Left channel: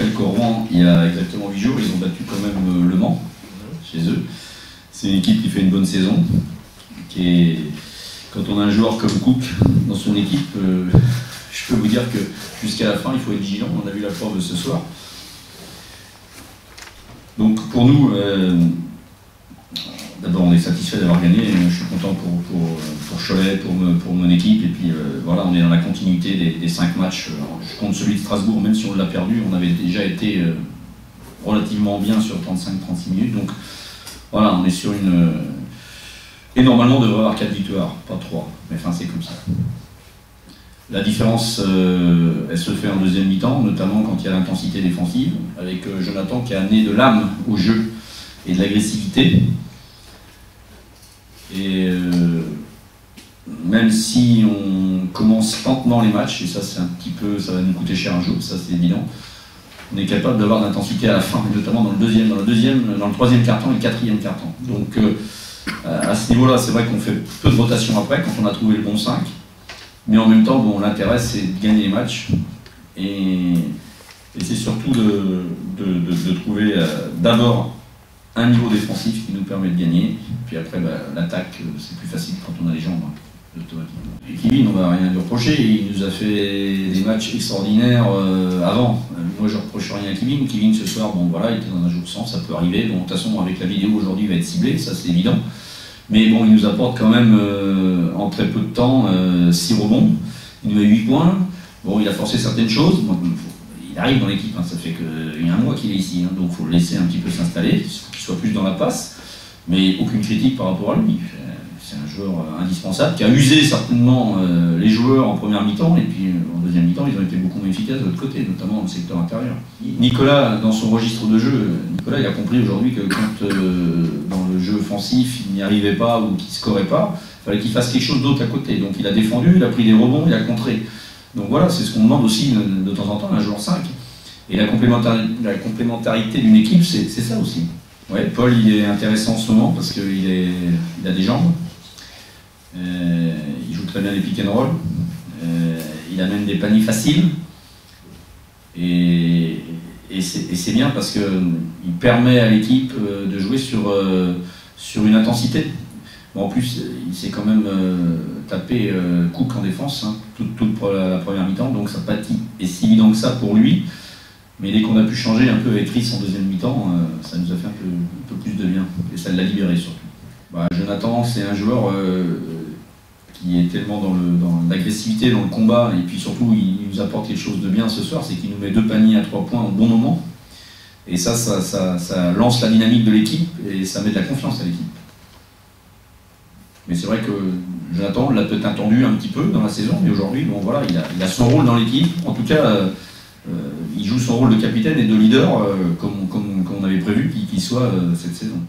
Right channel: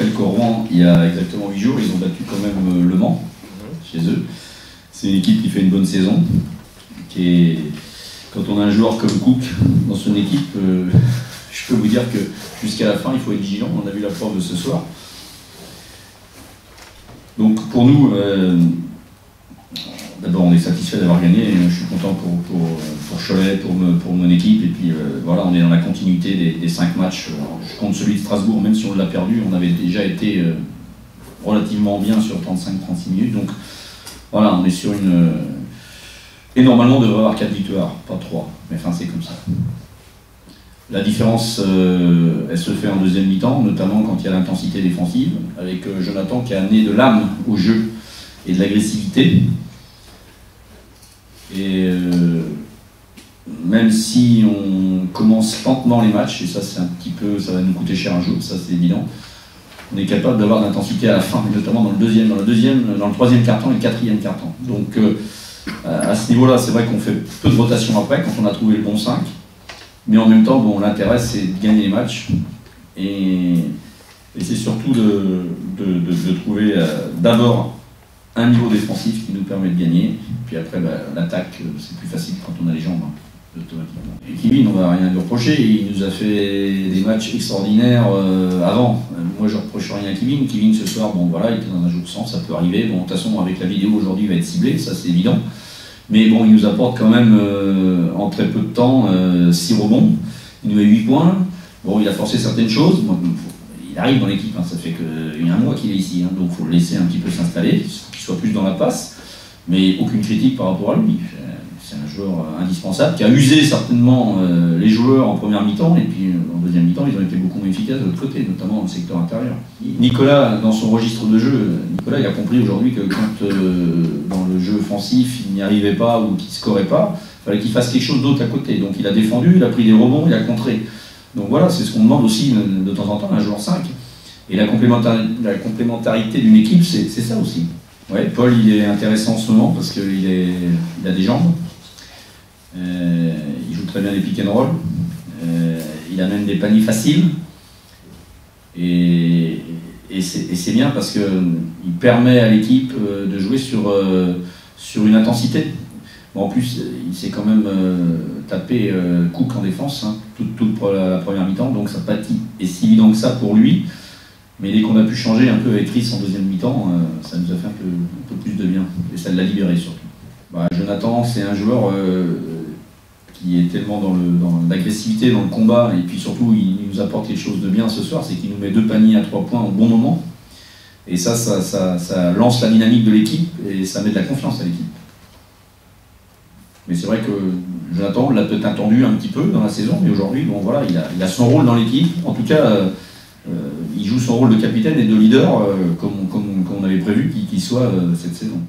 rappelle qu'au Rouen, il y a exactement 8 jours, ils ont battu quand même Le Mans, chez eux. C'est une équipe qui fait une bonne saison. Quand on a un joueur comme Cook dans son équipe, je peux vous dire que jusqu'à la fin, il faut être vigilant. On a vu la preuve de ce soir. Donc pour nous, d'abord on est satisfait d'avoir gagné. Je suis content pour Cholet, pour mon équipe. Et puis voilà, on est dans la continuité des 5 matchs. Je compte celui de Strasbourg, même si on l'a perdu, on avait déjà été relativement bien sur 35-36 minutes. Donc voilà, on est sur une... Et normalement, on devrait avoir 4 victoires, pas 3. Mais enfin, c'est comme ça. La différence, elle se fait en deuxième mi-temps, notamment quand il y a l'intensité défensive, avec Jonathan qui a amené de l'âme au jeu et de l'agressivité. Et même si on commence lentement les matchs, et ça c'est un petit peu, ça va nous coûter cher un jour, ça c'est évident, on est capable d'avoir de l'intensité à la fin, notamment dans le troisième quart-temps et le quatrième quart-temps. Donc à ce niveau-là, c'est vrai qu'on fait peu de rotation après, quand on a trouvé le bon 5. Mais en même temps, bon, l'intérêt, c'est de gagner les matchs. Et c'est surtout de trouver d'abord un niveau défensif qui nous permet de gagner. Puis après, l'attaque, c'est plus facile quand on a les jambes, automatiquement. Et Kevin, on va rien lui reprocher. Il nous a fait des matchs extraordinaires avant. Moi, je ne reproche rien à Kevin. Kevin, ce soir, bon, voilà, il était dans un jour sans, ça peut arriver. Bon, de toute façon, avec la vidéo, aujourd'hui, il va être ciblé, ça c'est évident. Mais bon, il nous apporte quand même, en très peu de temps, 6 rebonds. Il nous met 8 points. Bon, il a forcé certaines choses. Bon, il arrive dans l'équipe, hein, ça fait qu'il y a un mois qu'il est ici. Hein, donc il faut le laisser un petit peu s'installer, qu'il soit plus dans la passe. Mais aucune critique par rapport à lui. C'est un joueur indispensable qui a usé certainement les joueurs en première mi-temps. Et puis en deuxième mi-temps, ils ont été beaucoup moins efficaces de l'autre côté, notamment dans le secteur intérieur. Nicolas, dans son registre de jeu, Nicolas il a compris aujourd'hui que quand dans le jeu offensif, il n'y arrivait pas ou qu'il ne scorait pas, il fallait qu'il fasse quelque chose d'autre à côté. Donc il a défendu, il a pris des rebonds, il a contré. Donc voilà, c'est ce qu'on demande aussi de temps en temps à un joueur 5. Et la complémentarité d'une équipe, c'est ça aussi. Ouais, Paul, il est intéressant en ce moment parce qu'il a des jambes. Il joue très bien les pick and roll. Il amène des paniers faciles. Et c'est bien parce qu'il permet à l'équipe de jouer sur une intensité. Bon, en plus, il s'est quand même tapé Cook en défense, hein, toute la première mi-temps, donc ça n'a pas été si évident que ça pour lui. Mais dès qu'on a pu changer un peu avec Chris en deuxième mi-temps, ça nous a fait un peu plus de bien. Et ça l'a libéré surtout. Jonathan, c'est un joueur qui est tellement dans l'agressivité, dans le combat, et puis surtout, il nous apporte quelque chose de bien ce soir, c'est qu'il nous met 2 paniers à 3 points au bon moment. Et ça lance la dynamique de l'équipe, et ça met de la confiance à l'équipe. Mais c'est vrai que Jonathan l'a peut-être attendu un petit peu dans la saison, mais aujourd'hui, bon, voilà, il a son rôle dans l'équipe. En tout cas, il joue son rôle de capitaine et de leader, comme on avait prévu qu'il soit cette saison.